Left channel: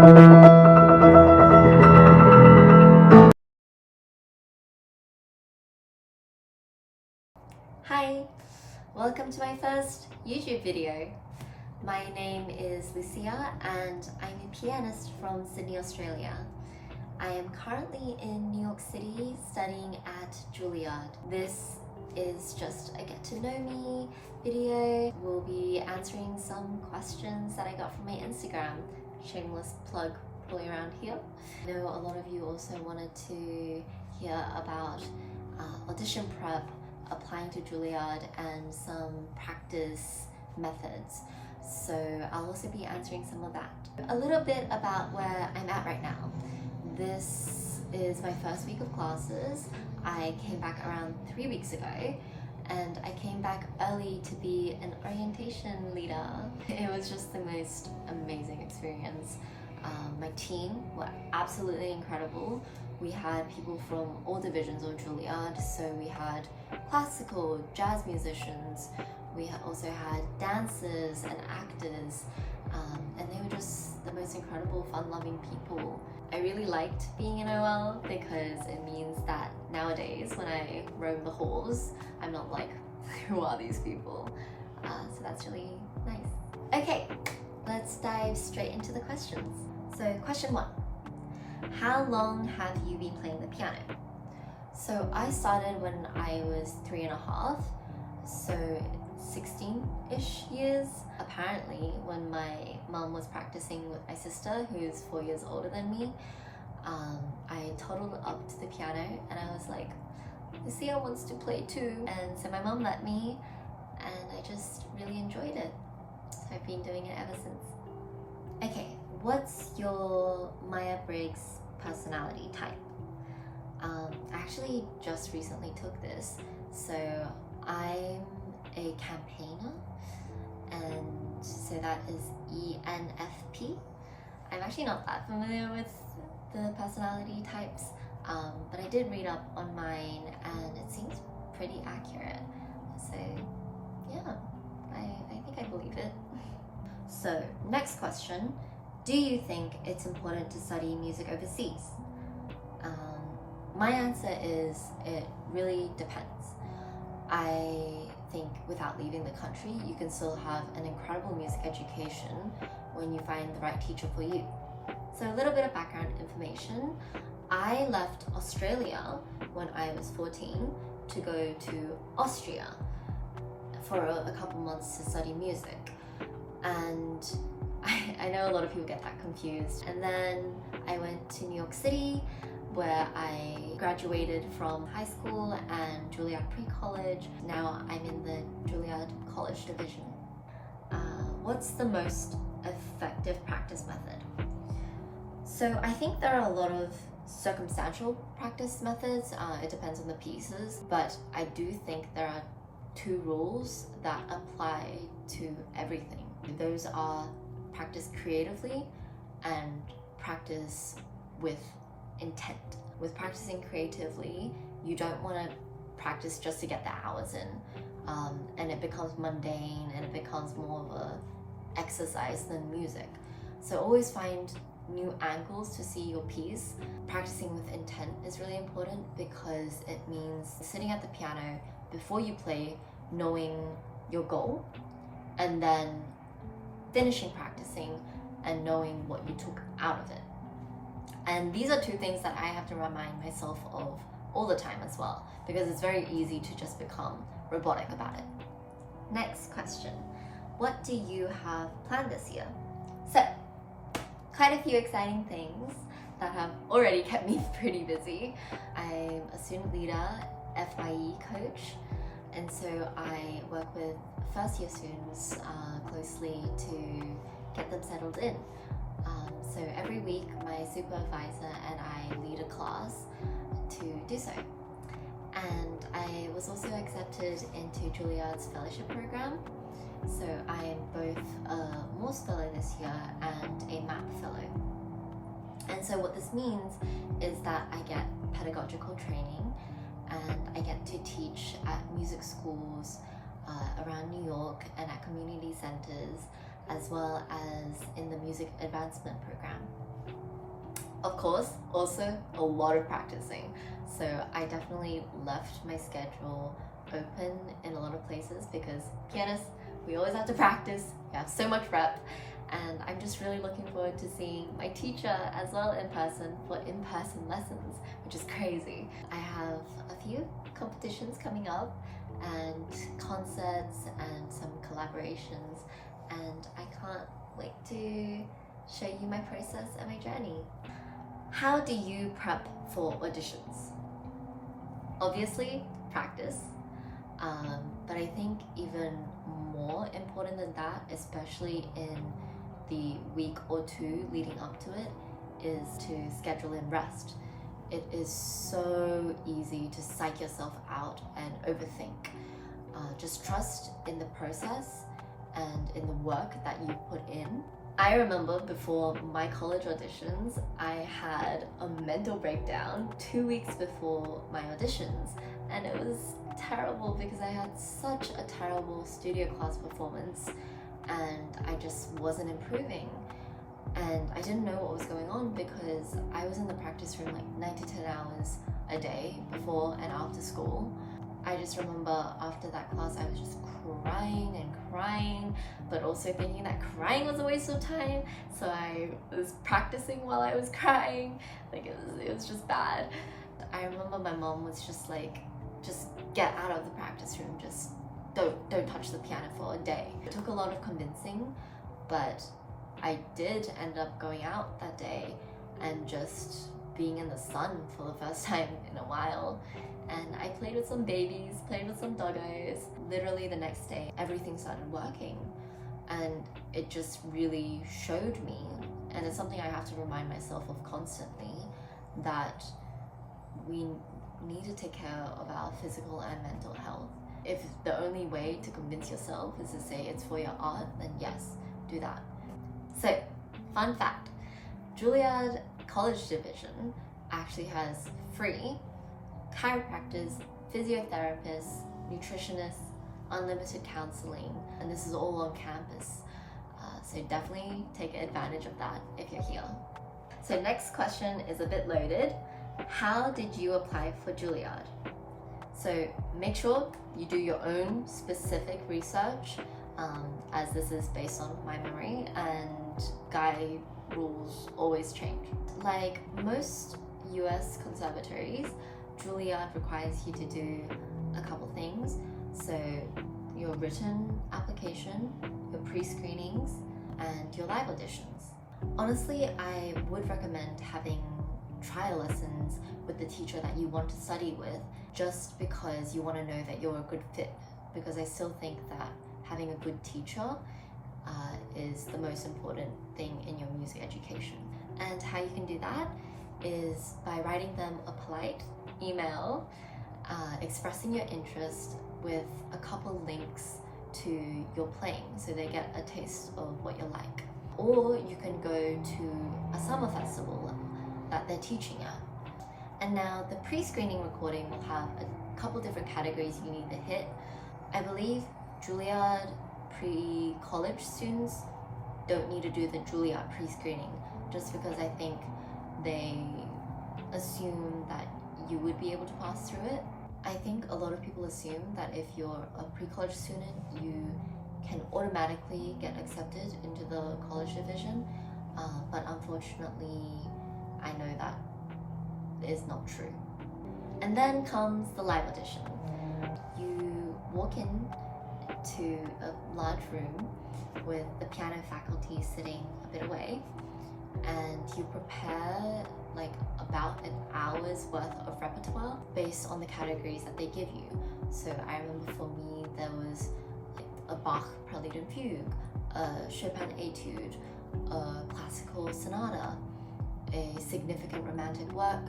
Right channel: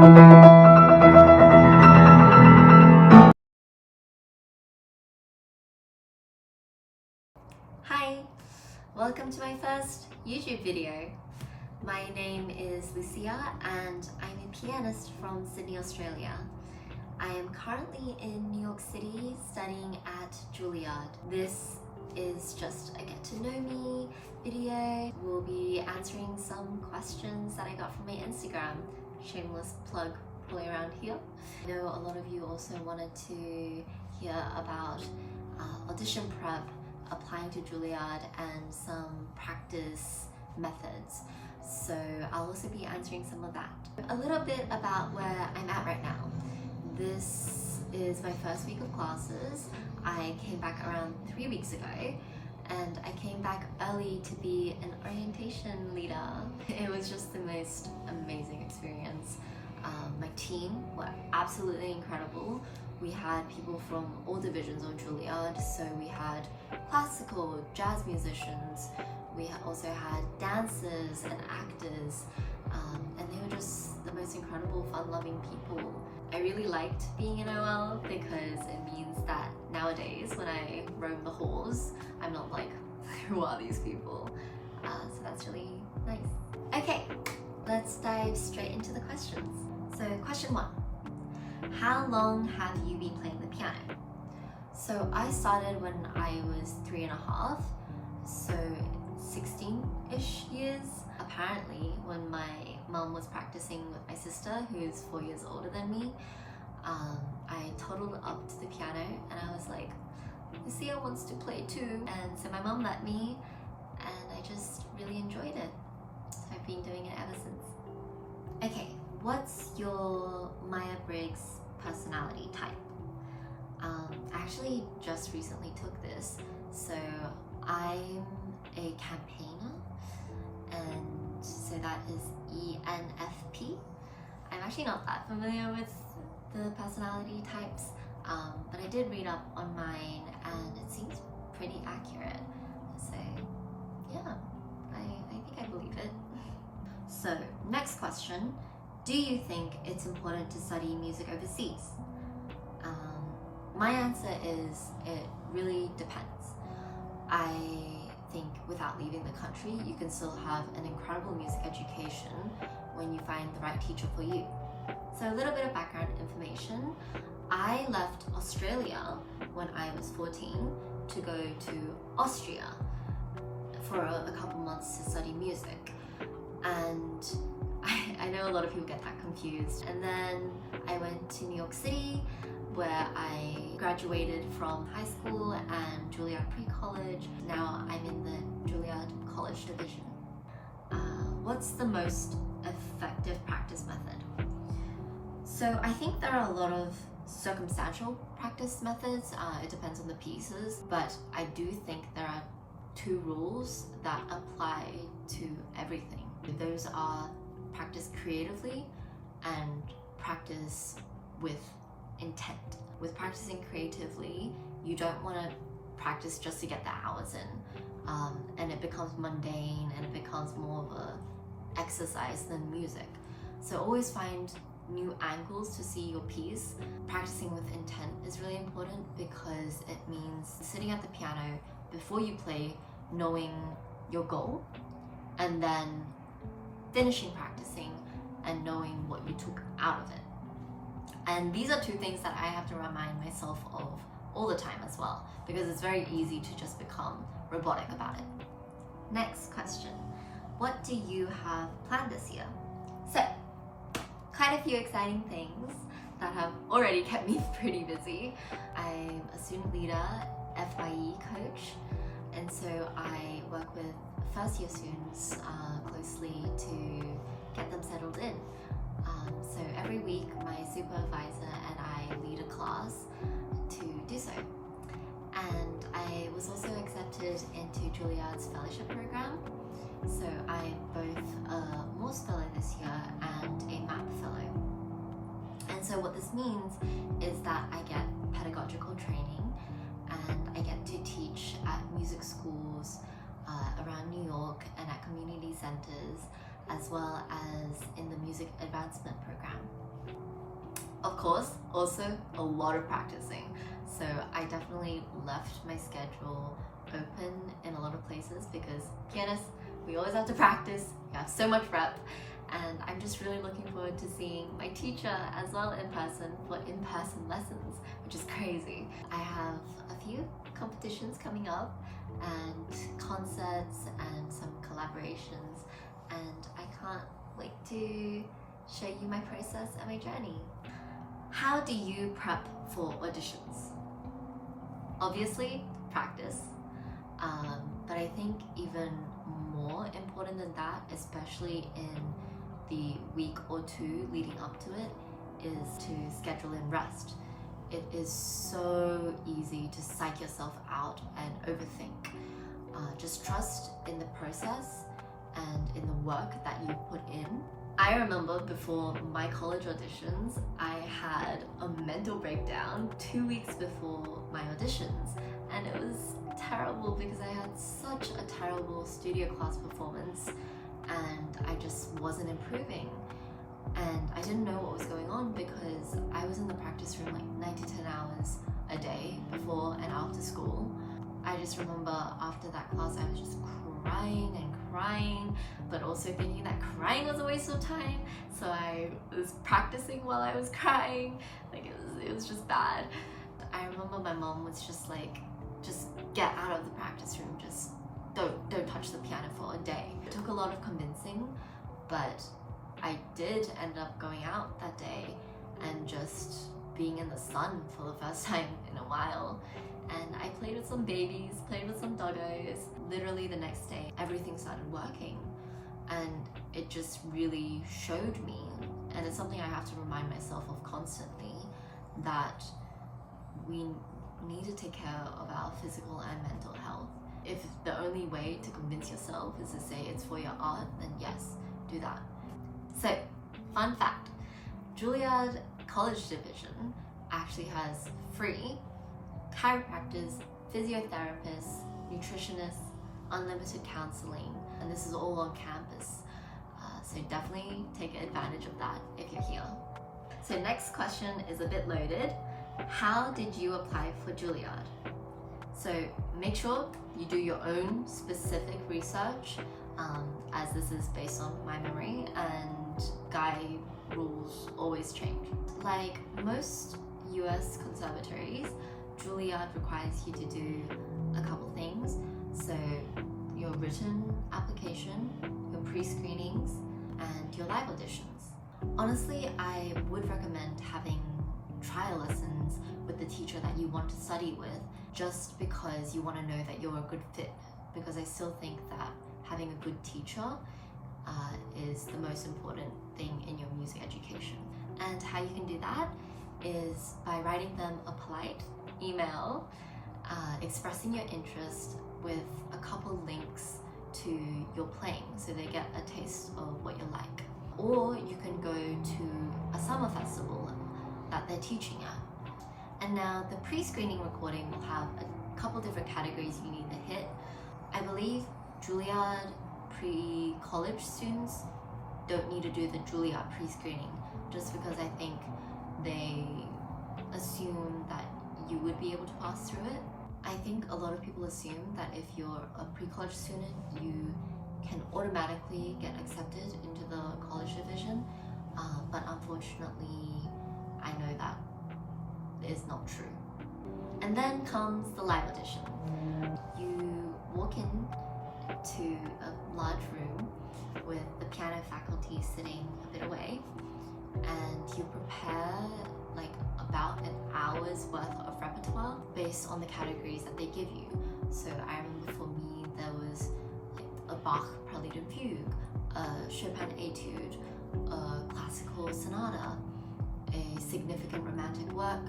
Hi, welcome to my first YouTube video. My name is Lucia and I'm a pianist from Sydney, Australia. I am currently in New York City studying at Juilliard. This is just a get to know me video. We'll be answering some questions that I got from my Instagram. Shameless plug all the way around here. I know a lot of you also wanted to hear about audition prep, applying to Juilliard, and some practice methods. So I'll also be answering some of that. A little bit about where I'm at right now. This is my first week of classes. I came back around 3 weeks ago, and I came back early to be an orientation leader. It was just the most amazing experience. My team were absolutely incredible. We had people from all divisions of Juilliard, so we had classical, jazz musicians, we also had dancers and actors, and they were just the most incredible, fun-loving people. I really liked being in OL because it means that nowadays when I roam the halls, I'm not like, who are these people? So that's really nice. Okay, let's dive straight into the questions. So question 1. How long have you been playing the piano? So I started when I was 3.5, so 16-ish years. Apparently, when my mum was practicing with my sister, who's 4 years older than me, I toddled up to the piano and I was like, Lucia wants to play too. And so my mum let me, and I just really enjoyed it. So I've been doing it ever since. Okay, what's your Myers-Briggs personality type? I actually just recently took this. So I'm a campaigner, and so that is ENFP. I'm actually not that familiar with the personality types, but I did read up on mine and it seems pretty accurate. So yeah, I think I believe it. So next question. Do you think it's important to study music overseas? My answer is it really depends. I think without leaving the country, you can still have an incredible music education when you find the right teacher for you. So a little bit of background information. I left Australia when I was 14 to go to Austria for a couple months to study music. And I know a lot of people get that confused. And then I went to New York City, where I graduated from high school and Juilliard pre-college. Now I'm in the Juilliard college division. What's the most effective practice method? So I think there are a lot of circumstantial practice methods. It depends on the pieces, but I do think there are 2 rules that apply to everything. Those are practice creatively and practice with intent. With practicing creatively, you don't want to practice just to get the hours in, and it becomes mundane and it becomes more of a exercise than music. So always find new angles to see your piece. Practicing with intent is really important because it means sitting at the piano before you play, knowing your goal, and then finishing practicing and knowing what you took out of it. And these are 2 things that I have to remind myself of all the time as well, because it's very easy to just become robotic about it. Next question. What do you have planned this year? So, quite a few exciting things that have already kept me pretty busy. I'm a student leader, FYE coach, and so I work with first year students closely to get them settled in. So every week my supervisor and I lead a class to do so. And I was also accepted into Juilliard's fellowship program. So I am both a Morse Fellow this year and a MAP Fellow. And so what this means is that I get pedagogical training and I get to teach at music schools around New York and at community centers, as well as in the music advancement program. Of course, also a lot of practicing. So I definitely left my schedule open in a lot of places because pianists, we always have to practice, we have so much rep, and I'm just really looking forward to seeing my teacher as well in person for in-person lessons, which is crazy. I have a few competitions coming up and concerts and some collaborations, and I can't wait to show you my process and my journey. How do you prep for auditions? Obviously, practice, but I think even more important than that, especially in the week or two leading up to it, is to schedule in rest. It is so easy to psych yourself out and overthink. Just trust in the process and in the work that you put in. I remember before my college auditions, I had a mental breakdown 2 weeks before my auditions, and it was terrible because I had such a terrible studio class performance and I just wasn't improving. And I didn't know what was going on because I was in the practice room like 9 to 10 hours a day before and after school. I just remember after that class I was just crying and crying, but also thinking that crying was a waste of time, so I was practicing while I was crying. Like it was just bad. I remember my mom was just like, just get out of the practice room, just don't touch the piano for a day. It took a lot of convincing, but I did end up going out that day and just being in the sun for the first time in a while. And I played with some babies, played with some doggos. Literally the next day, everything started working. And it just really showed me, and it's something I have to remind myself of constantly, that we need to take care of our physical and mental health. If the only way to convince yourself is to say it's for your art, then yes, do that. So, fun fact, Juilliard College Division actually has free chiropractors, physiotherapists, nutritionists, unlimited counseling, and this is all on campus. So definitely take advantage of that if you're here. So next question is a bit loaded. How did you apply for Juilliard? So make sure you do your own specific research, as this is based on my memory and guide rules always change. Like most US conservatories, Juilliard requires you to do a couple things. So your written application, your pre-screenings, and your live auditions. Honestly, I would recommend having trial lessons with the teacher that you want to study with, just because you want to know that you're a good fit. Because I still think that having a good teacher is the most important thing in your music education. And how you can do that is by writing them a polite email expressing your interest with a couple links to your playing so they get a taste of what you're like. Or you can go to a summer festival that they're teaching at. And now the pre-screening recording will have a couple different categories you need to hit. I believe Juilliard pre-college students don't need to do the Juilliard pre-screening, just because I think they assume that you would be able to pass through it. I think a lot of people assume that if you're a pre-college student, you can automatically get accepted into the college division, but unfortunately, I know that is not true. And then comes the live audition. You walk in to a large room with the piano faculty sitting a bit away, and you prepare like about an hour's worth of repertoire based on the categories that they give you. So I remember for me there was like a Bach Prelude and Fugue, a Chopin Etude, a classical sonata, a significant romantic work,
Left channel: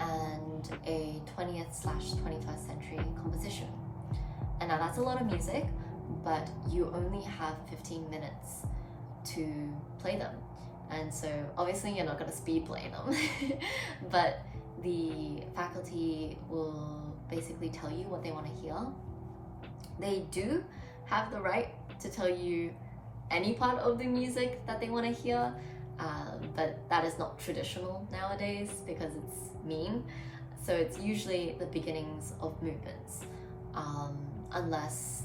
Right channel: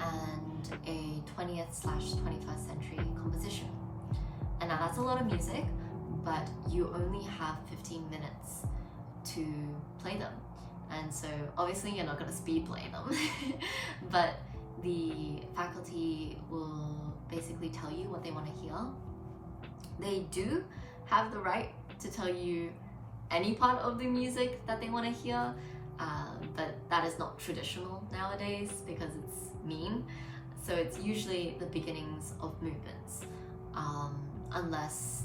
and a 20th/21st century composition. And now that's a lot of music, but you only have 15 minutes to play them. And so obviously you're not going to speed play them, but the faculty will basically tell you what they want to hear. They do have the right to tell you any part of the music that they want to hear, but that is not traditional nowadays because it's mean. So it's usually the beginnings of movements, unless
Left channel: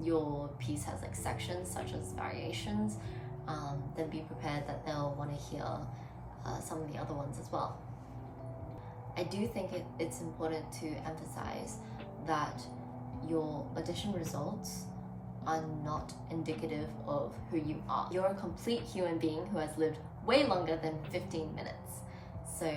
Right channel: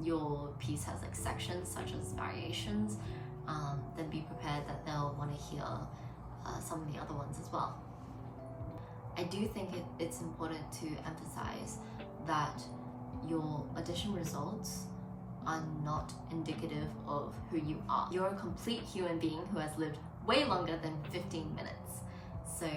your piece has like sections such as variations, then be prepared that they'll want to hear some of the other ones as well. I do think it's important to emphasize that your audition results are not indicative of who you are. You're a complete human being who has lived way longer than 15 minutes. So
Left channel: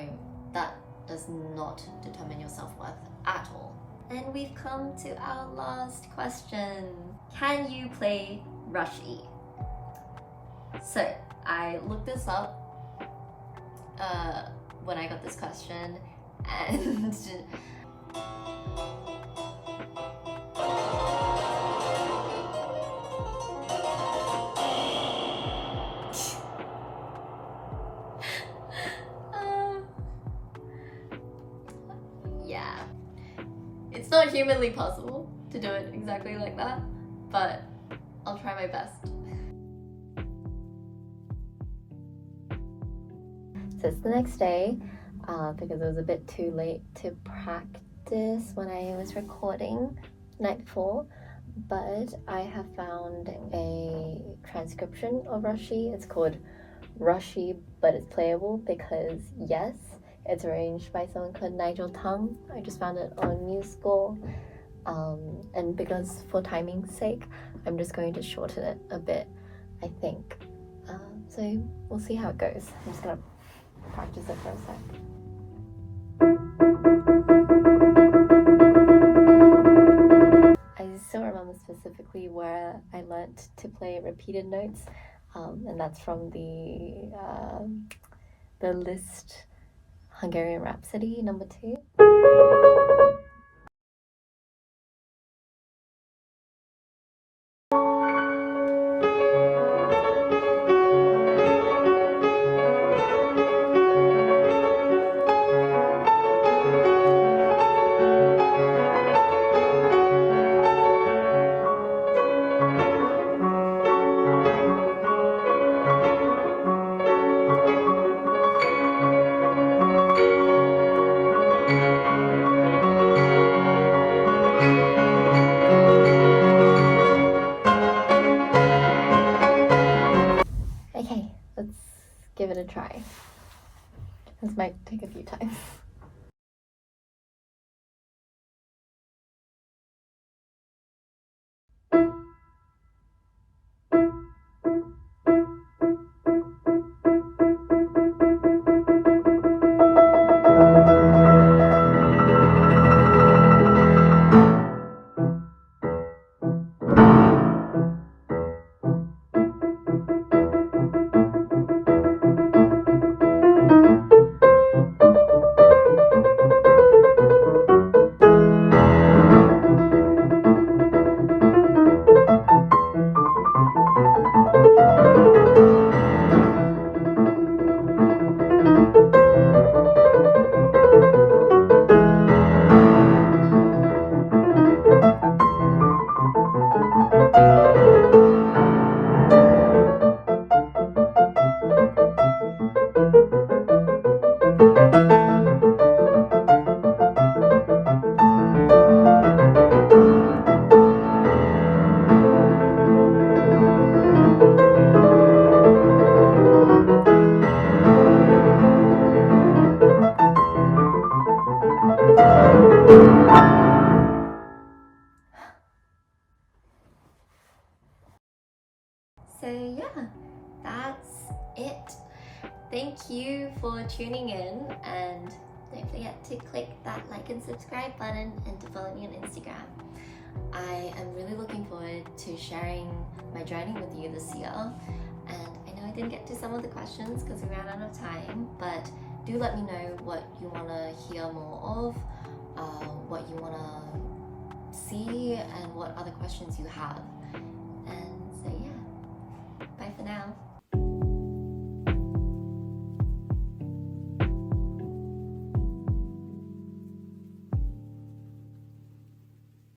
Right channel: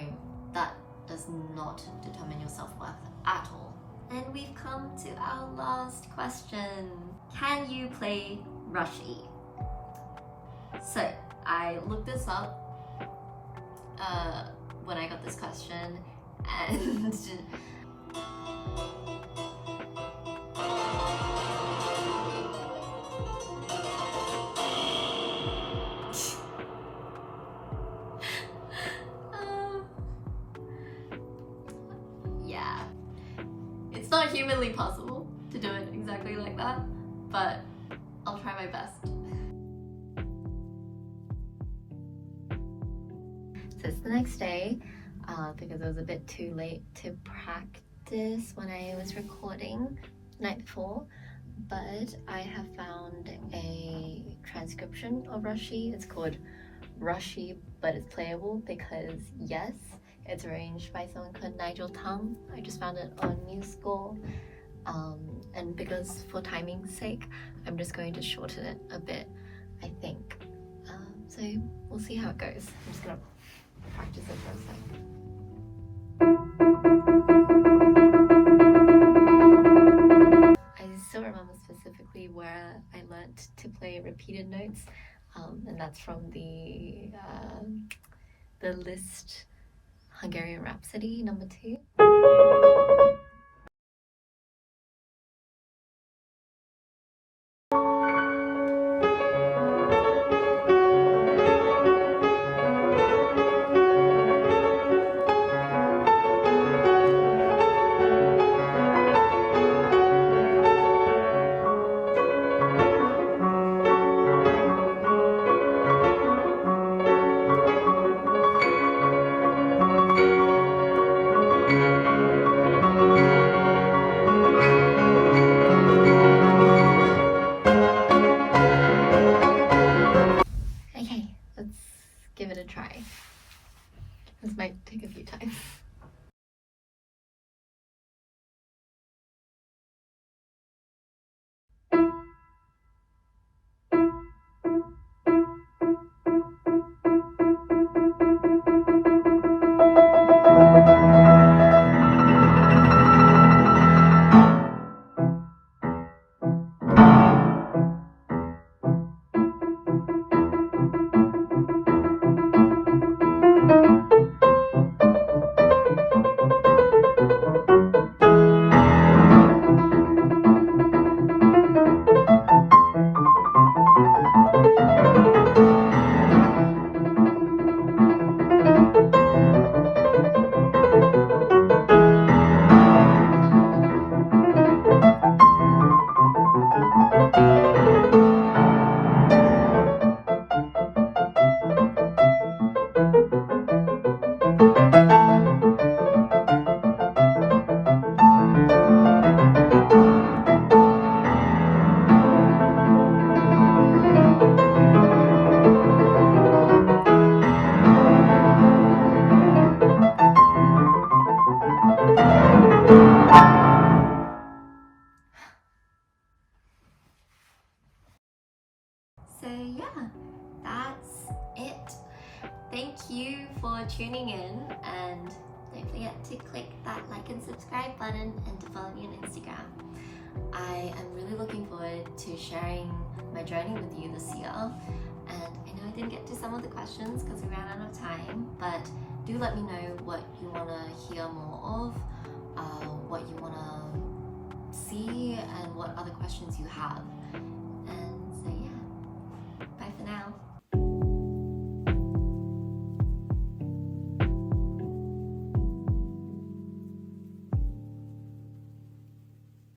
that does not determine your self-worth at all. And we've come to our last question. Can you play rush E? So I looked this up when I got this question, and yeah, it's not humanly possible to do it exactly like that, but I'll try my best. So it's the next day, because it was a bit too late to practice when I was recording the night before, but I have found a transcription of Rushy. It's called Rushy, but it's playable because, yes, it's arranged by someone called Nigel Tung. I just found it on MuseScore, and because for timing's sake, I'm just going to shorten it a bit, I think. So we'll see how it goes. I'm just gonna practice it for a sec. I still remember specifically where I learnt to play repeated notes, and that's from the Liszt Hungarian Rhapsody No. 2. Okay, let's give it a try. This might take a few times. So yeah, that's it. Thank you for tuning in, and don't forget to click that like and subscribe button and to follow me on Instagram. I am really looking forward to sharing my journey with you this year, and I know I didn't get to some of the questions because we ran out of time, but do let me know what you want to hear more of, what you want to see, and what other questions you have. And so yeah, bye for now.